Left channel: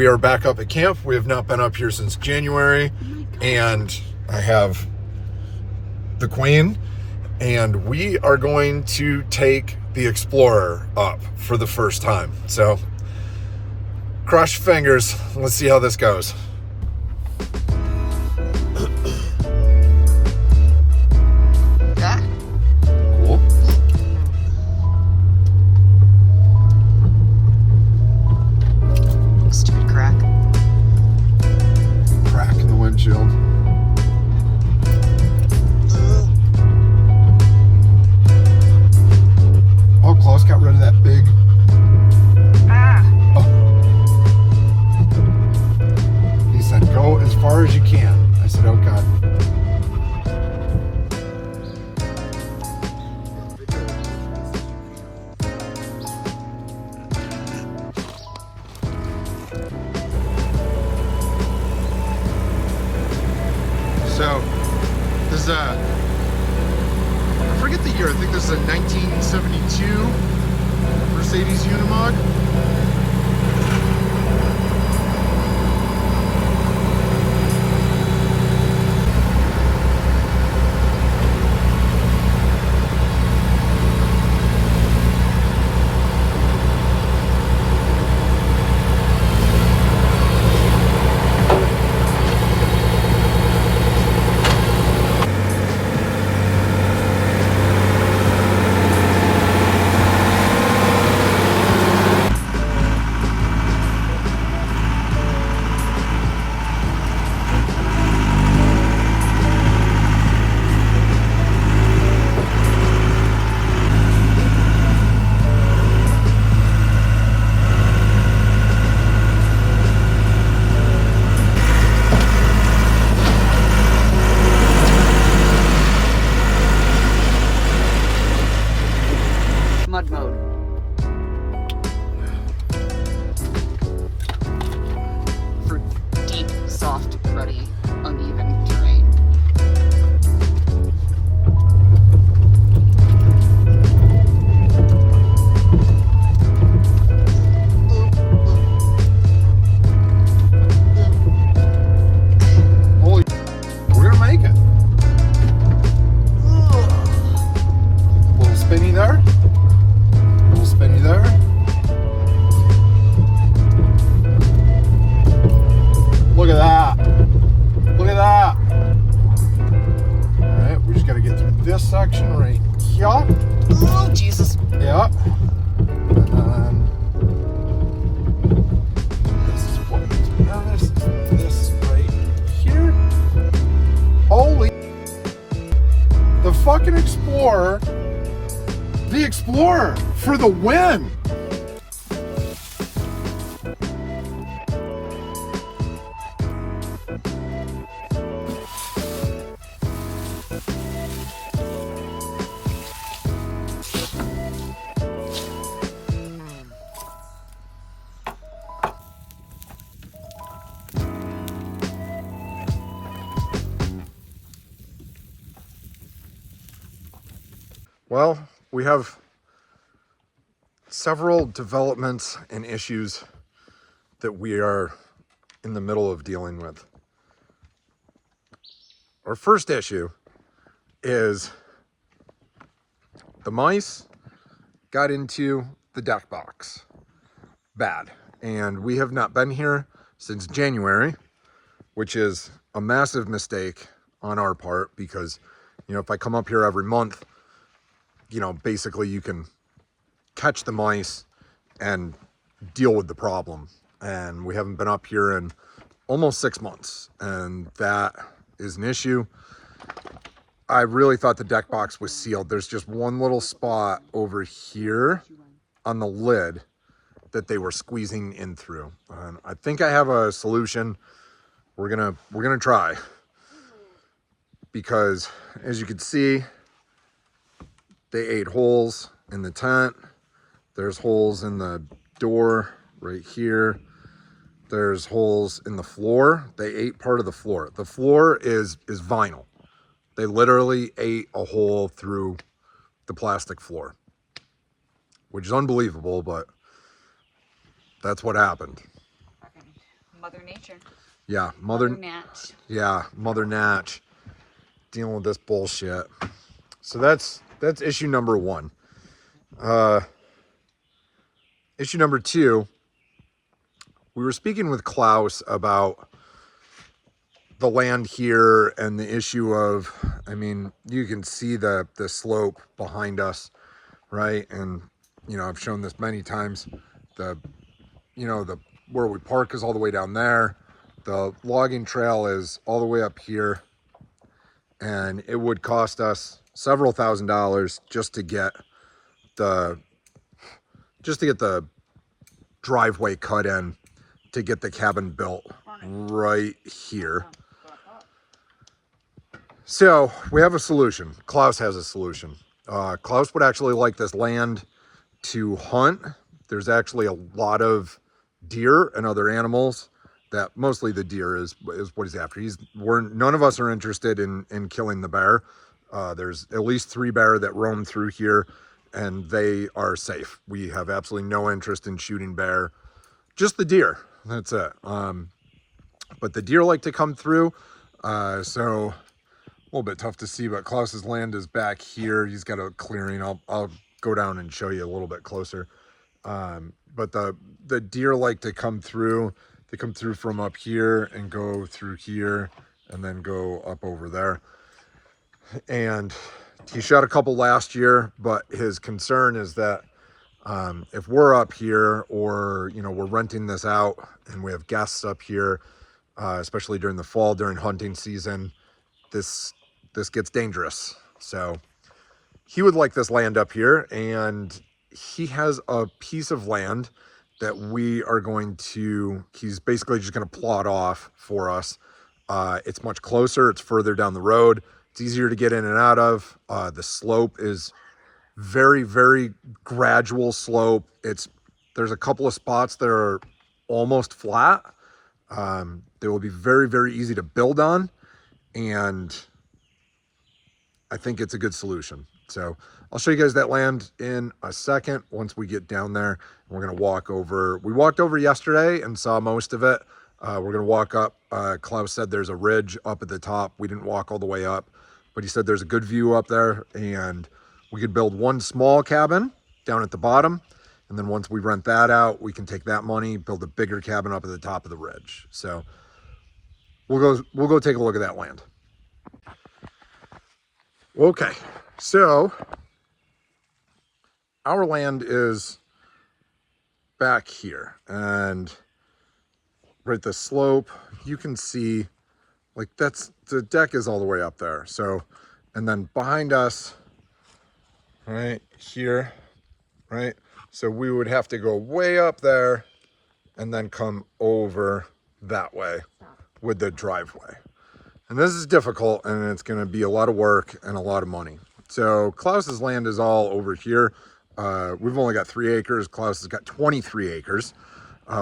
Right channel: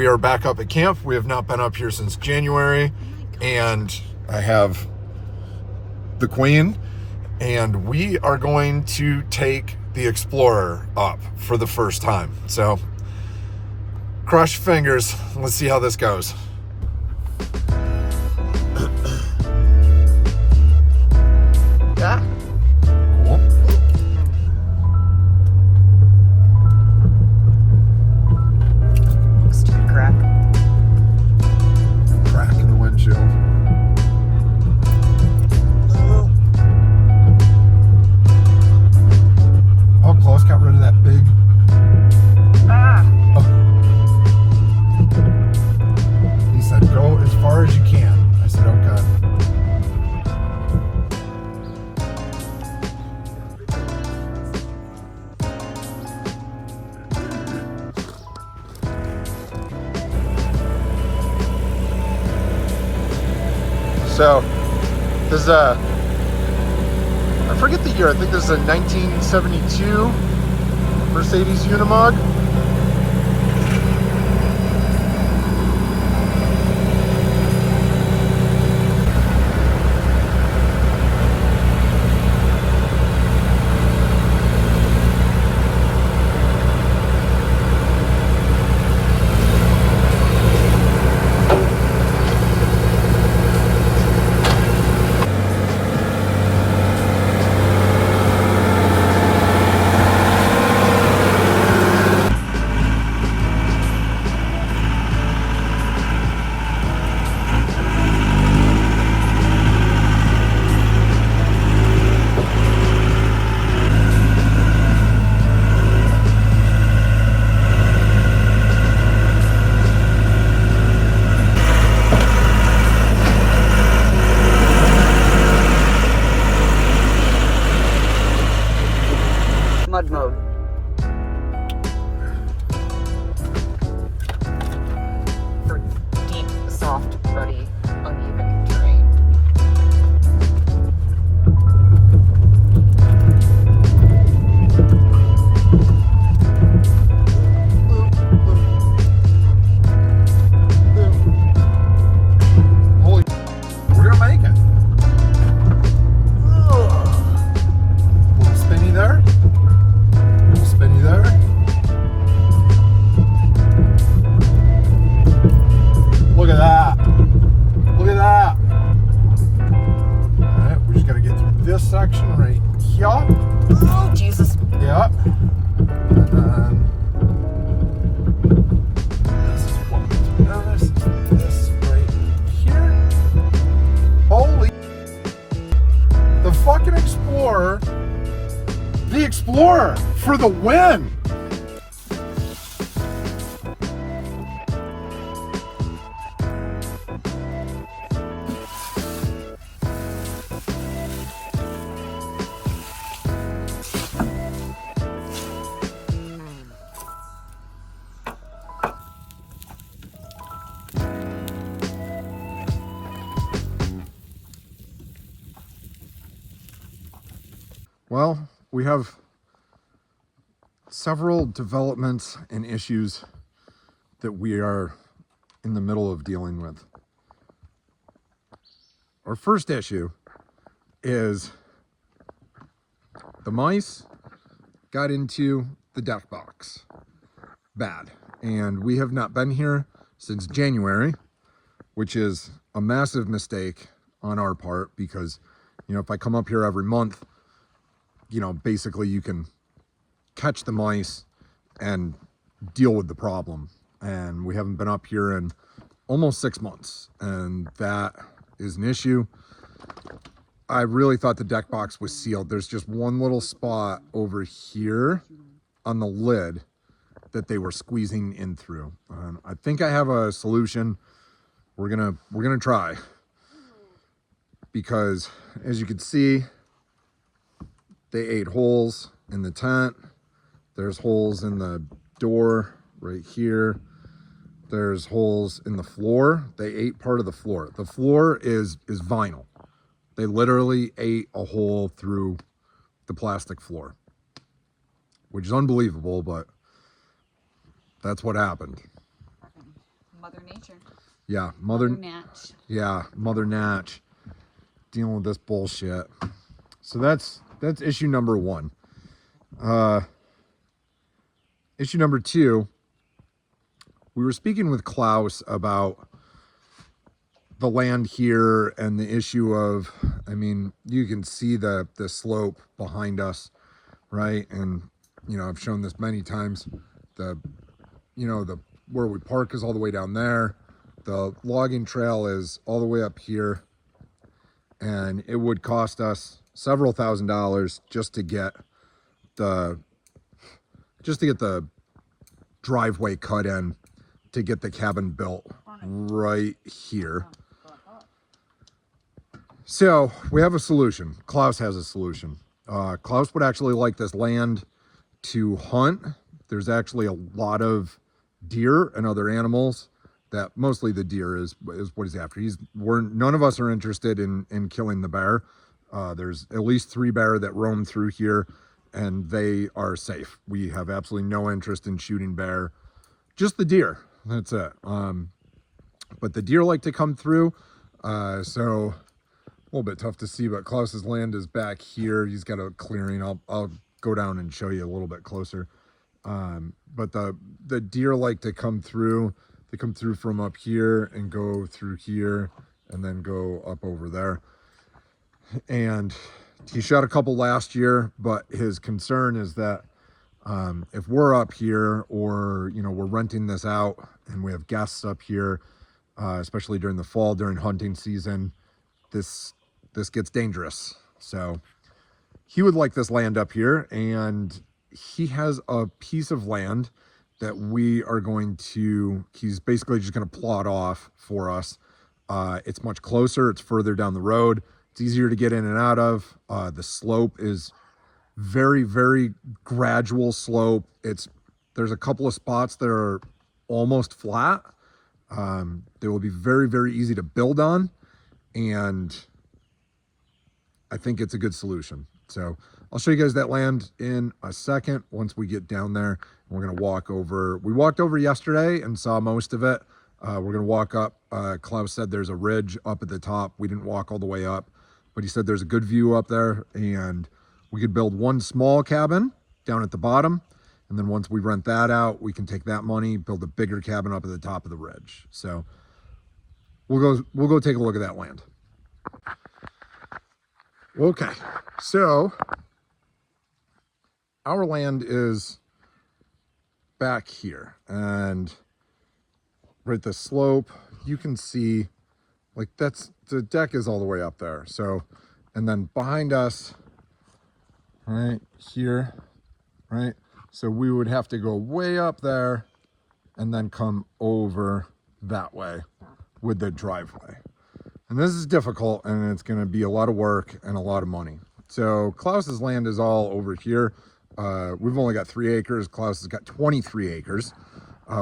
we are back up at camp. We have not been up here since January, and I have the Queen, and we are going to take the Explorer up for the first time. So cross your fingers. Let's see how this goes. Yeah. Cool. Stupid crack. Crack in the windshield. Oh, Klaus got rid of that big. Oh. He said, go as far as you can. I said, oh, God. So, this is I forget the year, I think this is a 1972 Mercedes Unimog. Mud mode. For deep, soft, ruddy, uneven terrain. Holy, we're gonna make it. Little spinny there. Little spinny there. Look at that. Look at that. All right, we just gotta get through this section right here. Oh, Jesus. Yeah. And then this is what this is this right here. Holy, the fucking Explorer. The Explorer for the win. Well, we have several developments and issues that we are in the middle of dealing with. Our first issue is the mice got into the deck box bad, and we have not been here since January, which is a massive mistake on our part because, you know, if I come up here every month, you know, basically you can catch the mice and deal with the problem. And we haven't been up here in almost 6 months, and that is an issue. I really thought the deck box was sealed. There's just one little spot over here on the lid that they were squeezing in through. And I think I have a solution. We're gonna try, because as you can see, they ate holes in the tent. There's holes in the door right here. There's holes in the floor. They ate part of the floor. The floor is vinyl. They literally ate a hole through the plastic floor, which is unbelievable, but that's what happened. Mother Nature. Yeah, Mother Natch. Yeah, Mother Natch dealing with this bullshit. So that's issue number one. Issue number two, we were speaking with Klaus about the land here and the issue of, I mean, you can see the slope behind us, right? And, you know, I've shown this many times. Where we park is all the way down there. The logging trail is all the way up here. And it would cost us several $1,000s just to get the driveway cut in to get the cabin built right here. So we have a solution. Klaus has a solution. Klaus would actually like this land to hunt. There's actually a lot of deer and other animals that mostly the deer is what he's after. None of us are interested in killing the bear. There's at least 3 bear that roam through here and they are safe. We have absolutely no interest in shooting bear, just the deer. That's it. But the deer like to come through. So a little bit tough to see, but Klaus's land is back here. He's got a clearing. I'll go down and show you a little bit closer. But the deer like to come through. They come through from up here and go through here and then go up over there. And he shot a couple last year, but his concern is that if we're up here or, you know, we're renting this out and we have guests up here, especially during the fall, during hunting season, this gets dangerous. So he would like this land up here, and he has a piece of land that we are going to, he's basically just going to plot off for us. It's much closer. It's further down the road. It's easier to get in and out of. The slope is very, very gradual slope. There's a couple of spots that are almost flat. They will be very, very easy to build on. And I think it's a good solution. So I'll show you guys that land in a second once we get down there. We're going to walk over. We walked over yesterday and saw most of it. We're going to walk up. Klaus said there's a ridge up at the top. We didn't walk all the way up, but he said there's a good view up there, and we could build one small cabin down at the bottom. And then once we rent that out, we can take that money, build a bigger cabin up at the top of the ridge. So we'll go take a look at that land. Okay, so our land is back here, and right, the slope, you can see, like, that's, the deck is all the way up there. So, and then behind us, right here, right, so we would have to go way up there and then come over that way with the driveway. And this is difficult, and it's going to be a lot of work and a lot of money. So Klaus's land is all over here. We've only got 3 acres. Klaus has got 23 acres,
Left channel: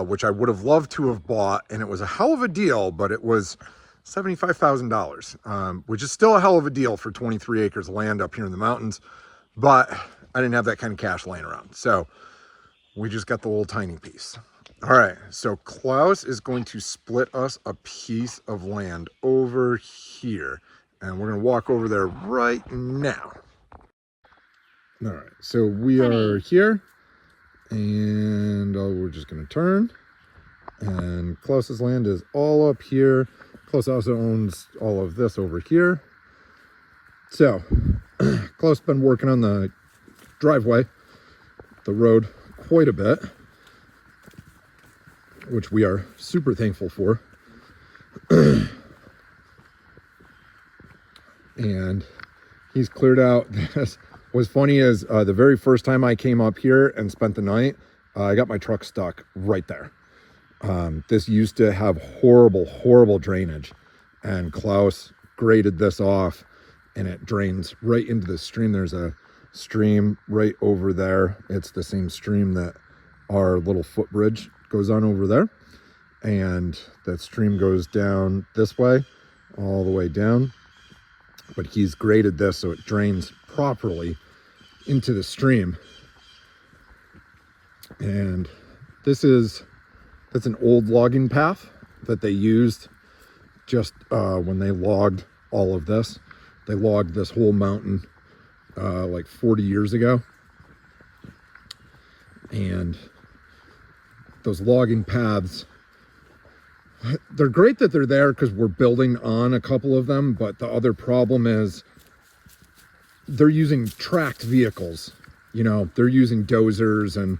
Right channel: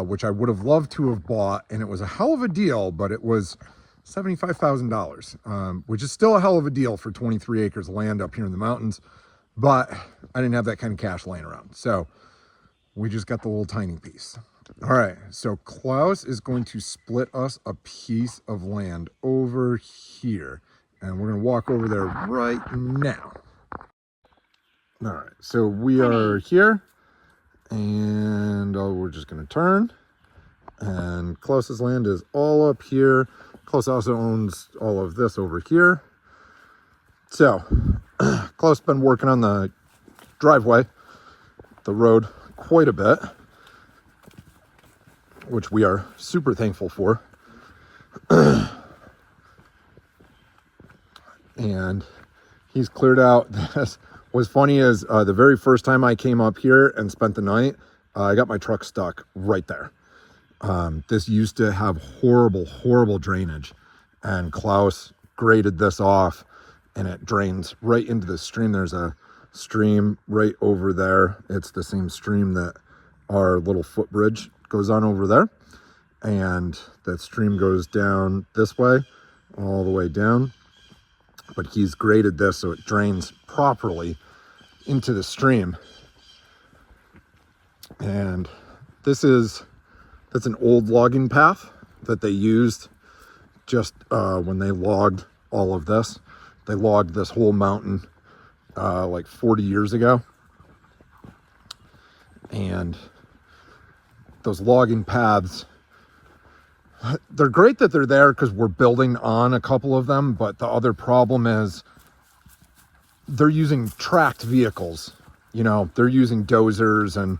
which I would have loved to have bought, and it was a hell of a deal, but it was $75,000, which is still a hell of a deal for 23 acres of land up here in the mountains, but I didn't have that kind of cash laying around. So we just got the little tiny piece. All right, so Klaus is going to split us a piece of land over here, and we're going to walk over there right now. All right, so we are here, and we're just going to turn, and Klaus's land is all up here. Klaus also owns all of this over here. So Klaus has been working on the driveway, the road, quite a bit, which we are super thankful for. And he's cleared out this. What's funny is the very first time I came up here and spent the night, I got my truck stuck right there. This used to have horrible, horrible drainage, and Klaus graded this off, and it drains right into the stream. There's a stream right over there. It's the same stream that our little footbridge goes on over there, and that stream goes down this way, all the way down. But he's graded this so it drains properly into the stream. And that's an old logging path, that they used just when they logged all of this. They logged this whole mountain like 40 years ago. And those logging paths, they're great that they're there because we're building on a couple of them, but the other problem is they're using tracked vehicles. You know, they're using dozers and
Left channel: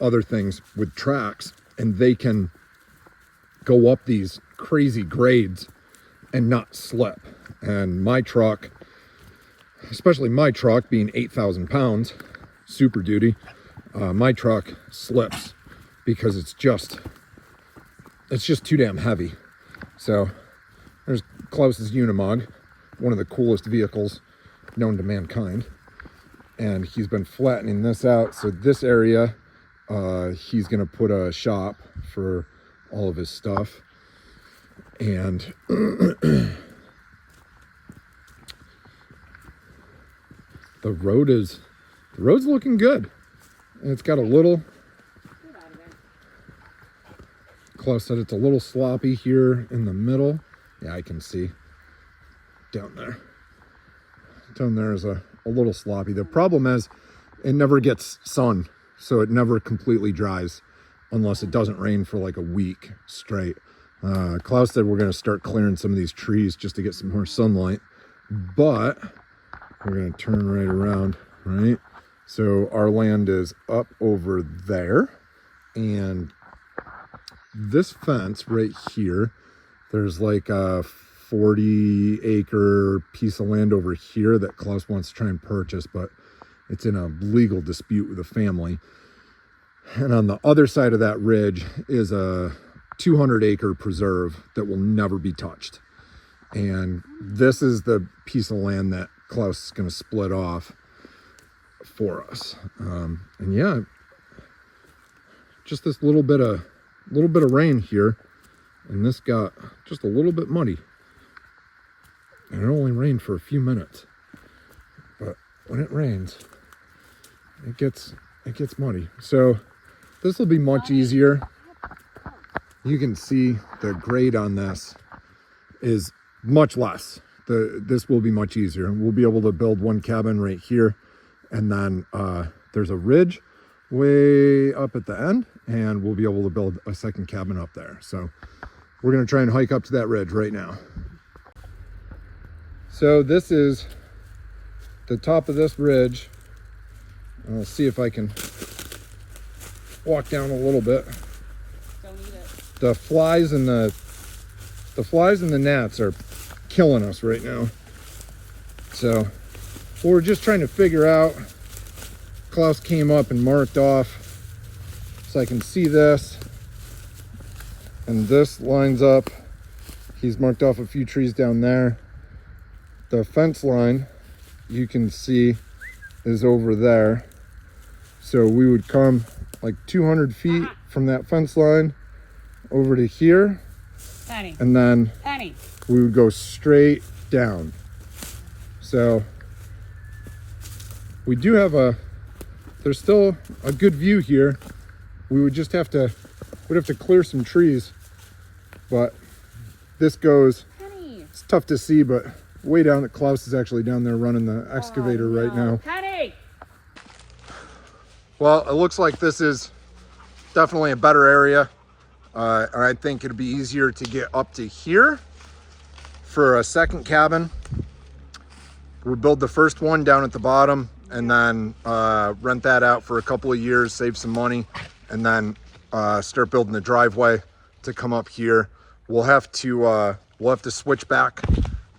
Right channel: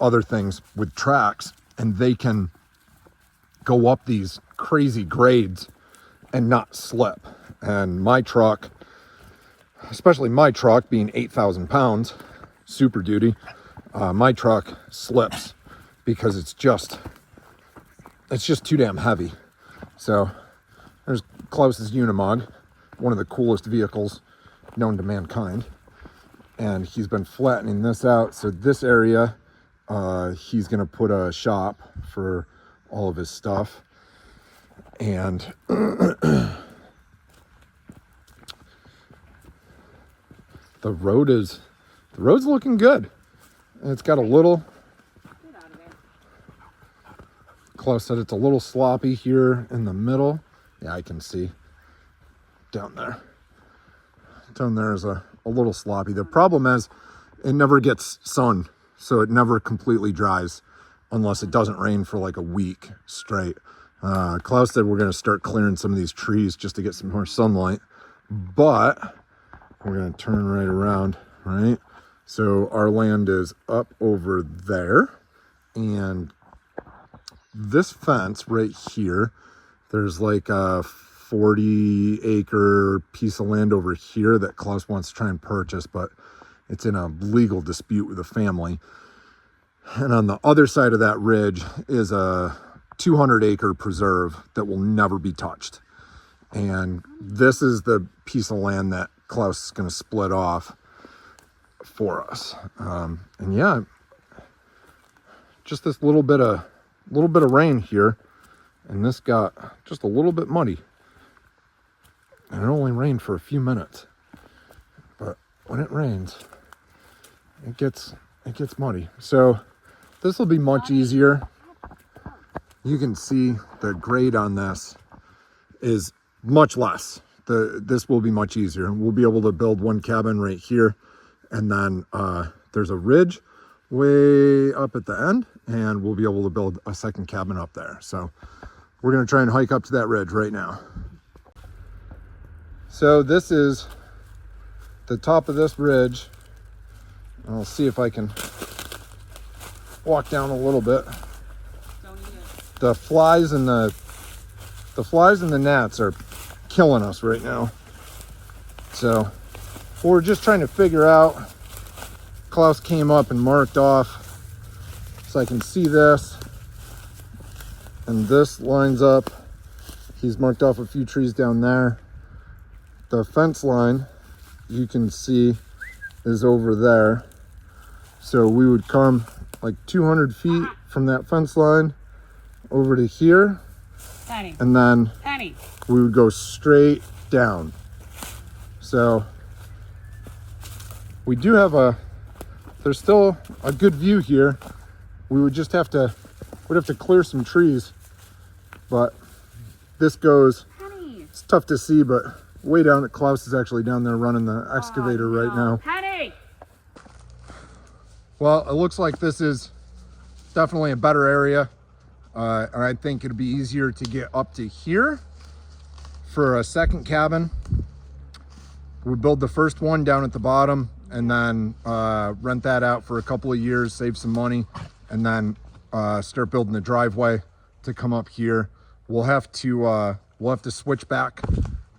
other things with tracks, and they can go up these crazy grades and not slip. And my truck, especially my truck being 8,000 pounds, Super Duty, my truck slips because it's just too damn heavy. So there's Klaus's Unimog, one of the coolest vehicles known to mankind. And he's been flattening this out. So this area, he's gonna put a shop for all of his stuff. And the road's looking good. And it's got a little, Klaus said it's a little sloppy here in the middle. Yeah, I can see down there. Down there is a little sloppy. The problem is it never gets sun, so it never completely dries unless it doesn't rain for like a week straight. Klaus said we're going to start clearing some of these trees just to get some more sunlight, but we're going to turn right around, right? So our land is up over there, and this fence right here, there's like a 40-acre piece of land over here that Klaus wants to try and purchase, but it's in a legal dispute with the family. And on the other side of that ridge is a 200-acre preserve that will never be touched. And this is the piece of land that Klaus is going to split off for us. And yeah, just this little bit of rain here, and this got just a little bit muddy. And it only rained for a few minutes, but when it rains, it gets muddy. So this will be much easier. You can see the grade on this is much less. This will be much easier. We'll be able to build one cabin right here, and then there's a ridge way up at the end, and we'll be able to build a second cabin up there. So we're going to try and hike up to that ridge right now. So this is the top of this ridge. I'll see if I can walk down a little bit. The flies and the gnats are killing us right now. So we're just trying to figure out. Klaus came up and marked off so I can see this, and this lines up. He's marked off a few trees down there. The fence line, you can see, is over there. So we would come like 200 feet from that fence line over to here, Penny. and then Penny. we would go straight down. So we do have there's still a good view here. We would just have to, we'd have to clear some trees, but this goes, Penny. it's tough to see, but way down, Klaus is actually down there running the excavator right now. Penny. Well, it looks like this is definitely a better area. I think it'd be easier to get up to here for a second cabin. We build the first one down at the bottom, and then rent that out for a couple of years, save some money, and then start building the driveway to come up here. We'll have to switch back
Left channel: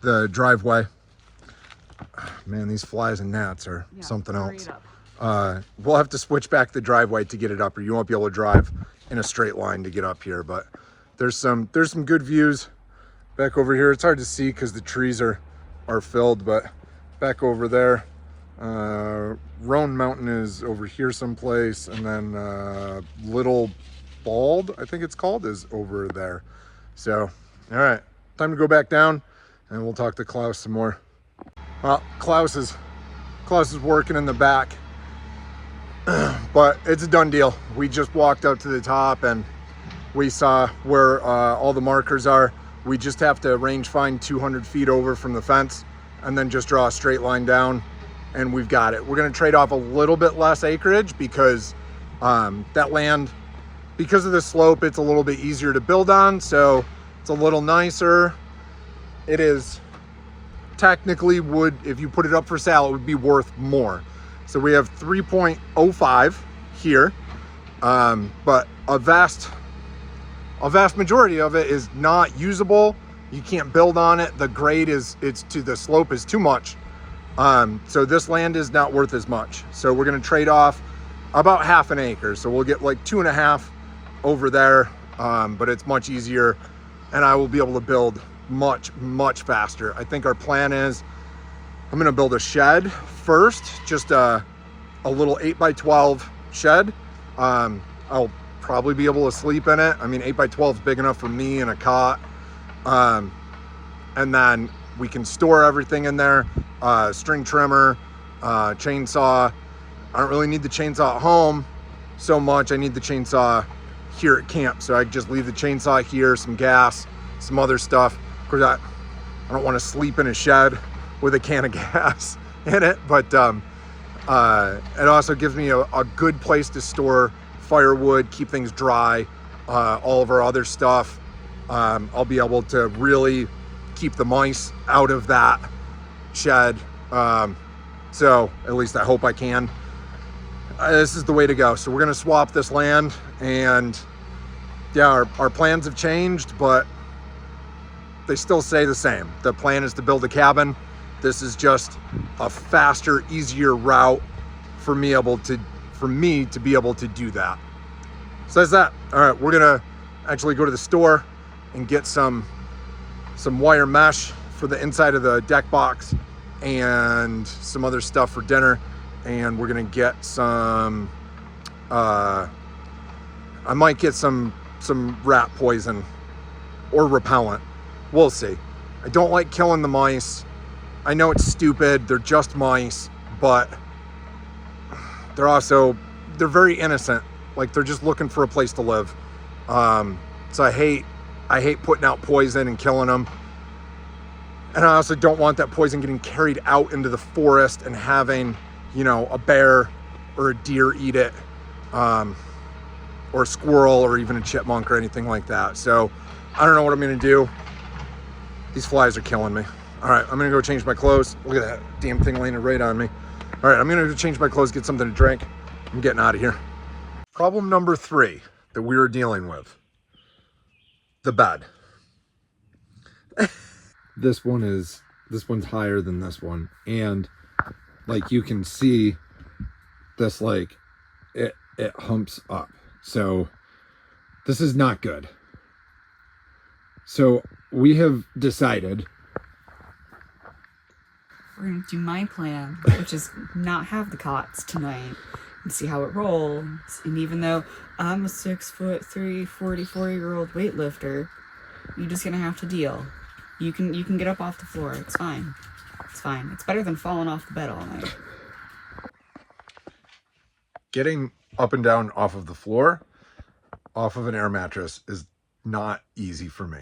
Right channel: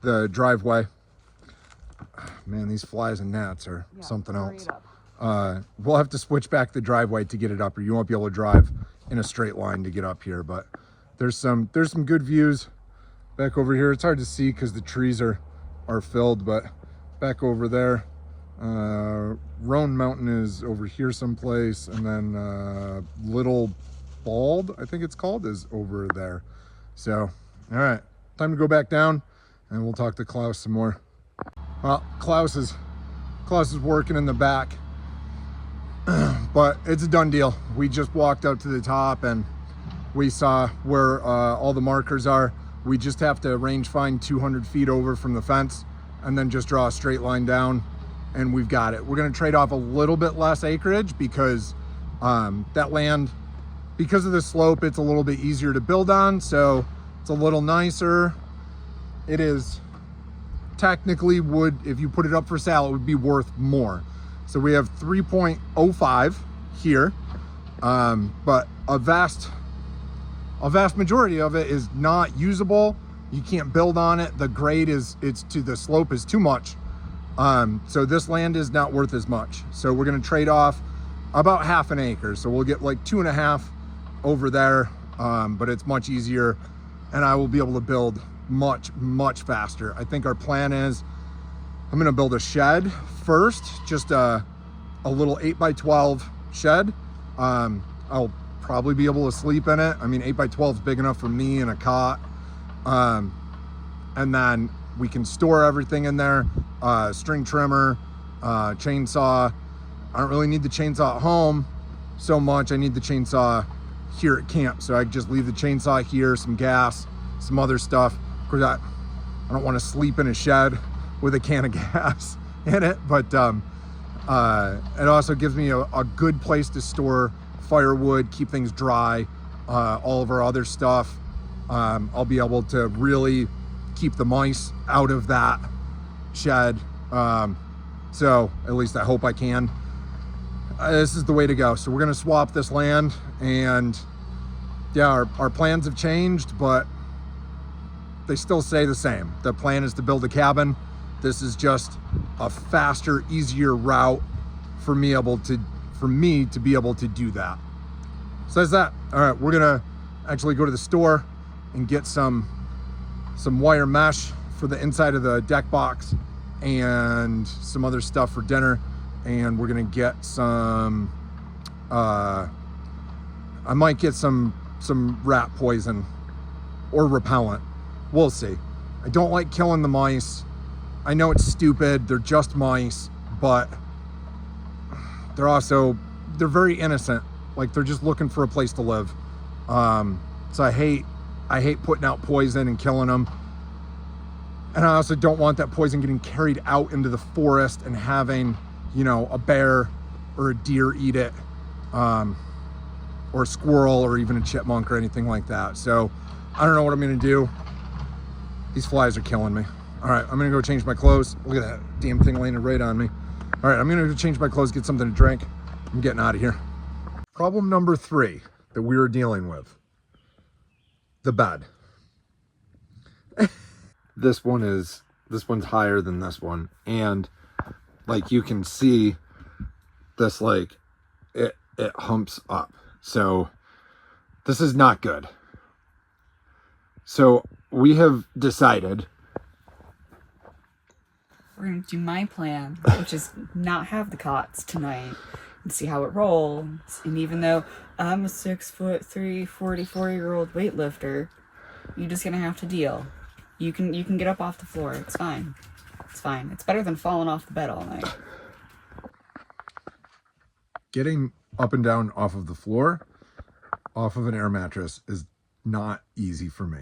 the driveway. Man, these flies and gnats are something else. We'll have to switch back the driveway to get it up, or you won't be able to drive in a straight line to get up here. But there's some good views back over here. It's hard to see because the trees are filled, but back over there, Roan Mountain is over here someplace, and then Little Bald, I think it's called, is over there. So, all right, time to go back down, and we'll talk to Klaus some more. Well, Klaus is working in the back, but it's a done deal. We just walked up to the top, and we saw where all the markers are. We just have to range find 200 feet over from the fence and then just draw a straight line down and we've got it. We're gonna trade off a little bit less acreage because that land, because of the slope, it's a little bit easier to build on, so it's a little nicer. It is technically would, if you put it up for sale, it would be worth more. So we have 3.05 here, but a vast majority of it is not usable. You can't build on it. The grade is, the slope is too much. So this land is not worth as much. So we're gonna trade off about half an acre. So we'll get like 2.5 over there, but it's much easier and I will be able to build much faster. I think our plan is I'm gonna build a shed first, just a little 8x12 shed. I'll probably be able to sleep in it. I mean, 8x12 is big enough for me and a cot. And then we can store everything in there, string trimmer, chainsaw. I don't really need the chainsaw at home so much. I need the chainsaw here at camp. So I just leave the chainsaw here, some gas, some other stuff. Of course, I don't want to sleep in a shed with a can of gas in it, but it also gives me a good place to store firewood, keep things dry, all of our other stuff. I'll be able to really keep the mice out of that shed. So at least I hope I can. This is the way to go. So we're gonna swap this land, and yeah, our plans have changed, but they still stay the same. The plan is to build a cabin. This is just a faster, easier route for me to be able to do that. So that's that. All right, we're gonna actually go to the store and get some wire mesh for the inside of the deck box and some other stuff for dinner. And we're gonna get some, I might get some rat poison or repellent. We'll see. I don't like killing the mice. I know it's stupid, they're just mice, but they're very innocent. Like, they're just looking for a place to live. So I hate putting out poison and killing them. And I also don't want that poison getting carried out into the forest and having, you know, a bear or a deer eat it, or a squirrel or even a chipmunk or anything like that. So I don't know what I'm gonna do. These flies are killing me. All right, I'm gonna go change my clothes. Look at that damn thing landing right on me. All right, I'm gonna go change my clothes, get something to drink. I'm getting out of here. Problem number 3 that we were dealing with: the bed. This one's higher than this one, and like you can see this, like it humps up. So this is not good. So we have decided We're gonna do my plan, which is not have the cots tonight and see how it rolls. And even though I'm a 6'3", 44-year-old weightlifter, you're just gonna have to deal. You can get up off the floor. It's fine. It's fine. It's better than falling off the bed all night. Getting up and down off of the floor, off of an air mattress, is not easy for me.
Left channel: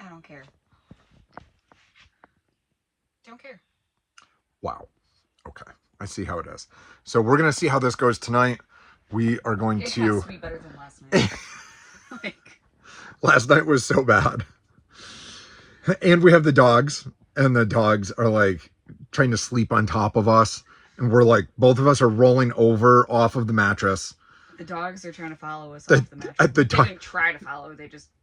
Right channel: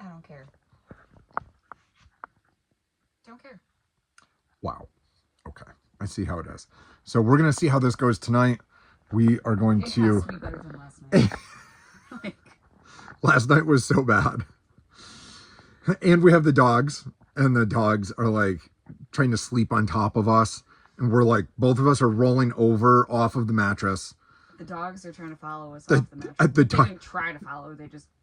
I don't care. Don't care. Wow. Okay. I see how it is. So we're going to see how this goes tonight. We are going It to... has to be better than last night. Like, Last night was so bad. And we have the dogs, and the dogs are like trying to sleep on top of us. And we're like, both of us are rolling over off of the mattress. the dogs are trying to follow us off the mattress. They didn't try to follow.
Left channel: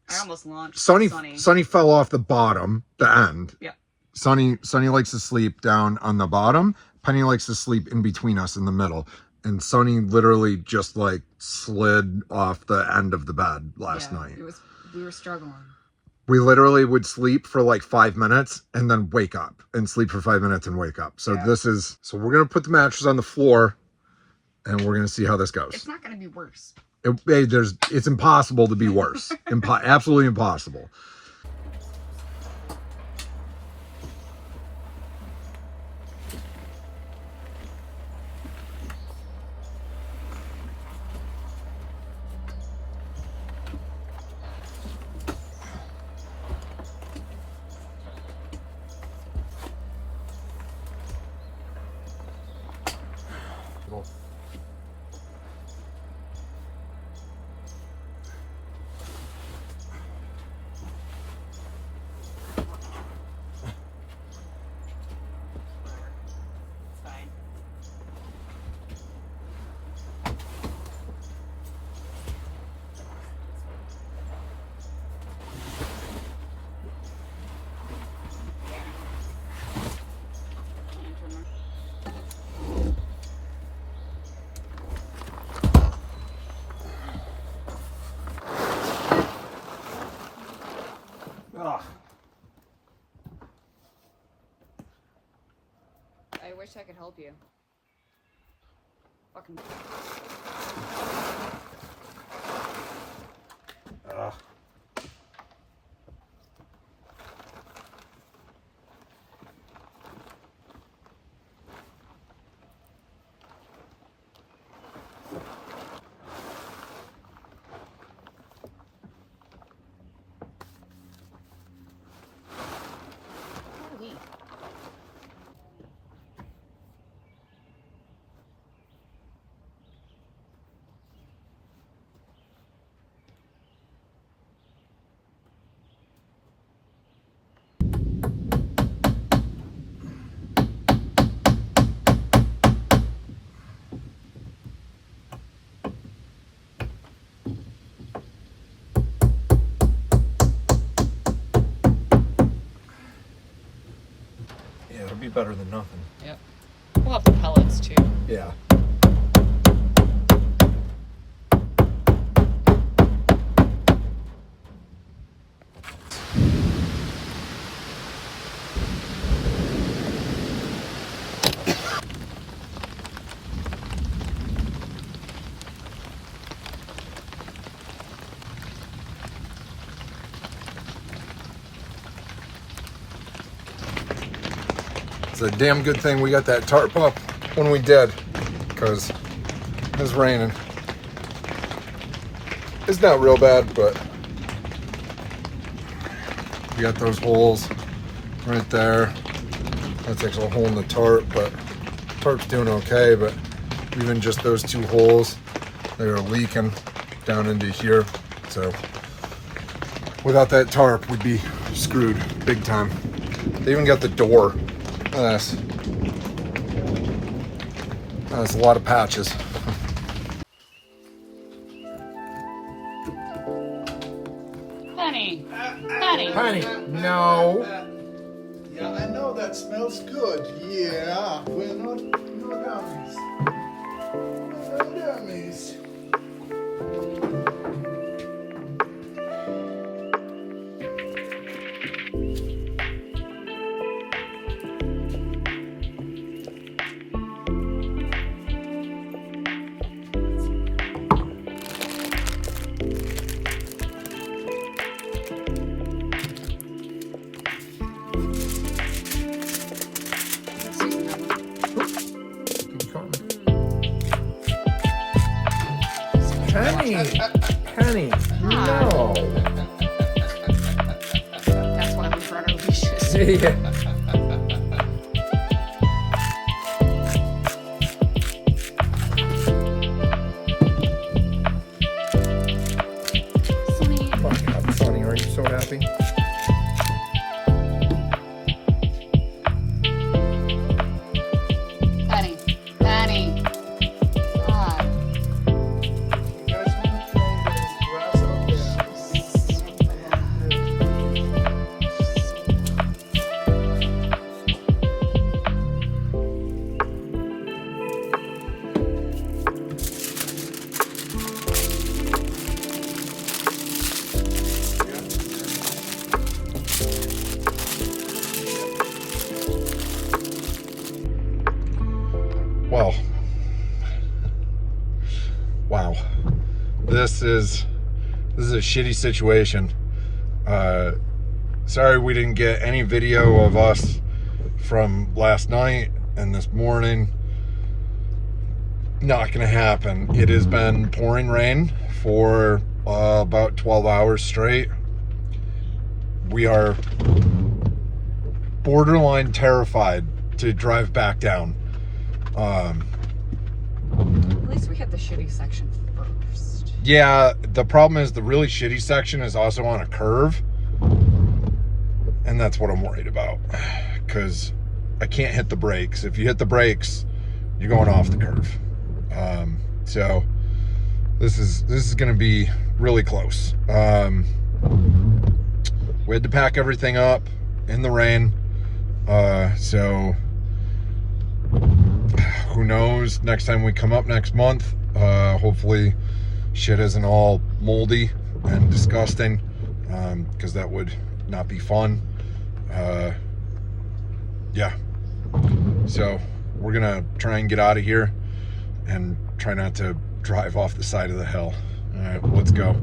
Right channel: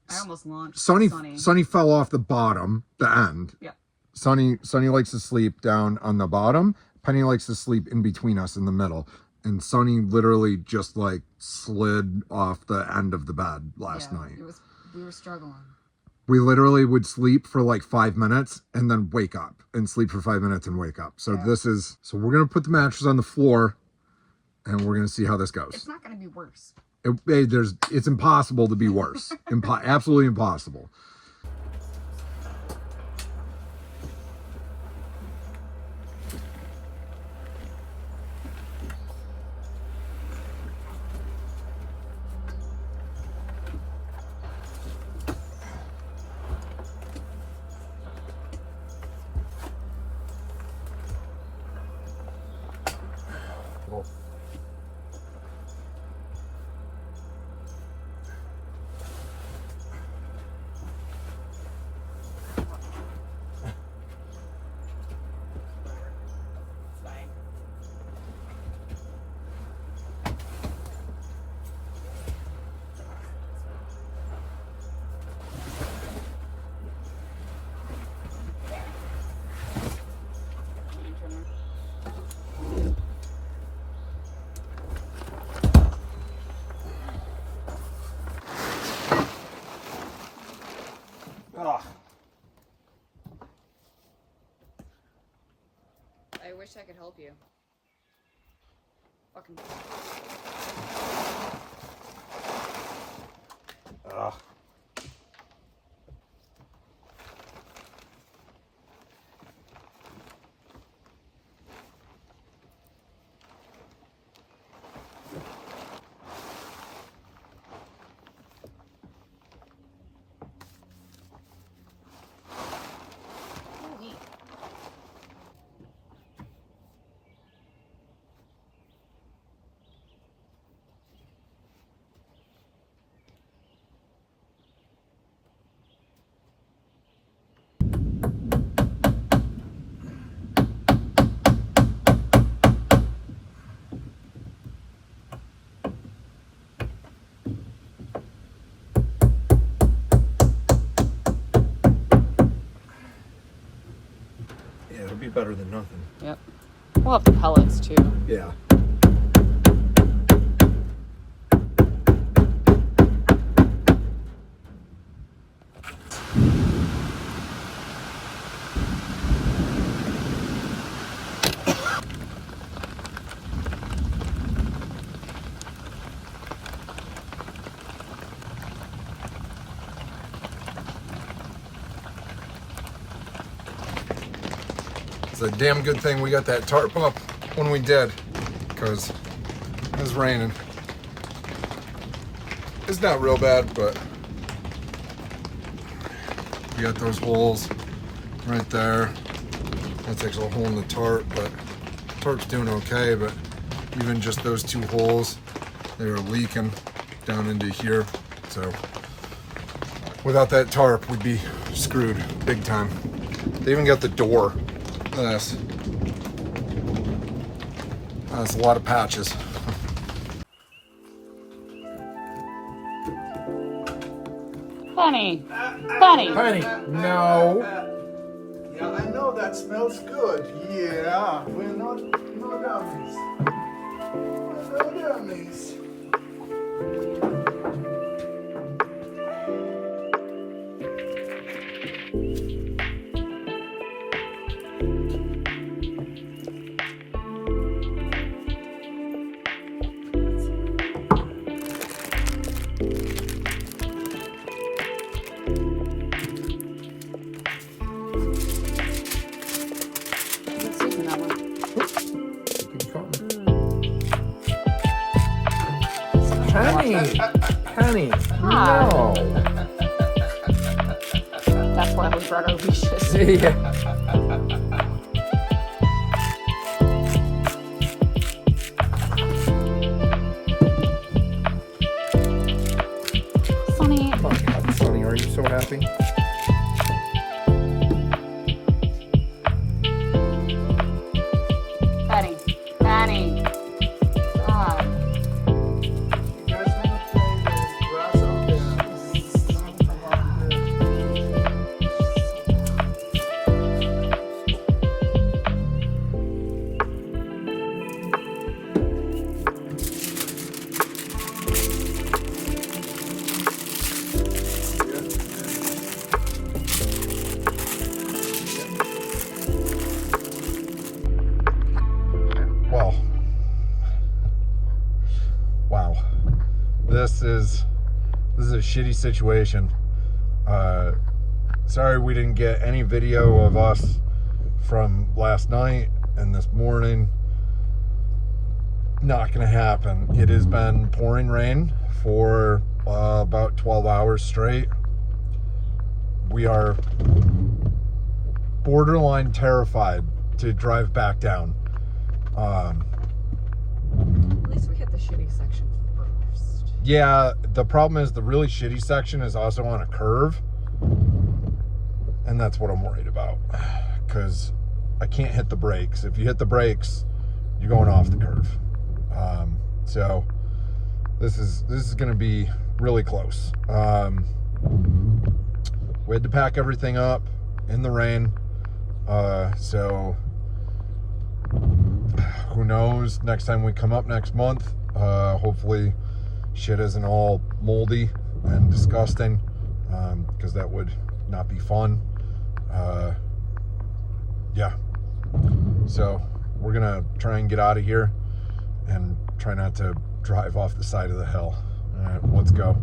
I almost launched Sunny fell off the bottom, the end. Yeah. Sunny likes to sleep down on the bottom. Penny likes to sleep in between us in the middle. And Sunny literally just like slid off the end of the bed last night. We were struggling. We literally would sleep for like 5 minutes and then wake up and sleep for 5 minutes and wake up. So so we're going to put the mattress on the floor and we're going to see how this goes. It's not going to be worse. It's impossible to be worse. Absolutely impossible. wish I could help you. Fucking. Ugh. Yeah, it'll be better than nothing. Yep. We'll have the pellets too. Yeah. It's a damn good thing we got that tarp up when we did, because it was raining. It's not real bad, but we got those holes right there. That's actually a hole in the tarp, but tarp's doing okay, but even just those two holes, they were leaking down into here. So without that tarp, we'd be screwed big time. They even got the door. That's a lot of patches. Honey. Honey. Honey, no. Yeah, I know that smells good. Yeah, we're not no dummies. No dummies. Honey, honey, no. That's why we brought our leashes. Yeah. Sonny. Oh my God, Sonny, are you so happy? Penny. Penny. God. You guys want to play those Well, wow, this is a shitty situation. Sorry we didn't get any video of us from last night and this morning. Not gonna happen. It has been pouring rain for about 12 hours straight. We are borderline terrified to drive back down. At least we hit the shitty section first. Yeah, the problem is the really shitty section is also on a curve. And that's what I'm worried about. Because I can't hit the brakes. If you hit the brakes, you're going off the curve. So this is going to be really close. We had to pack everything up in the rain. So who knows, next time we come up next month, hopefully shit isn't all moldy and disgusting, because that would not be fun. Yeah, so we're gonna try and get out of here and try not to drive off the side of the hill. All right, let's go.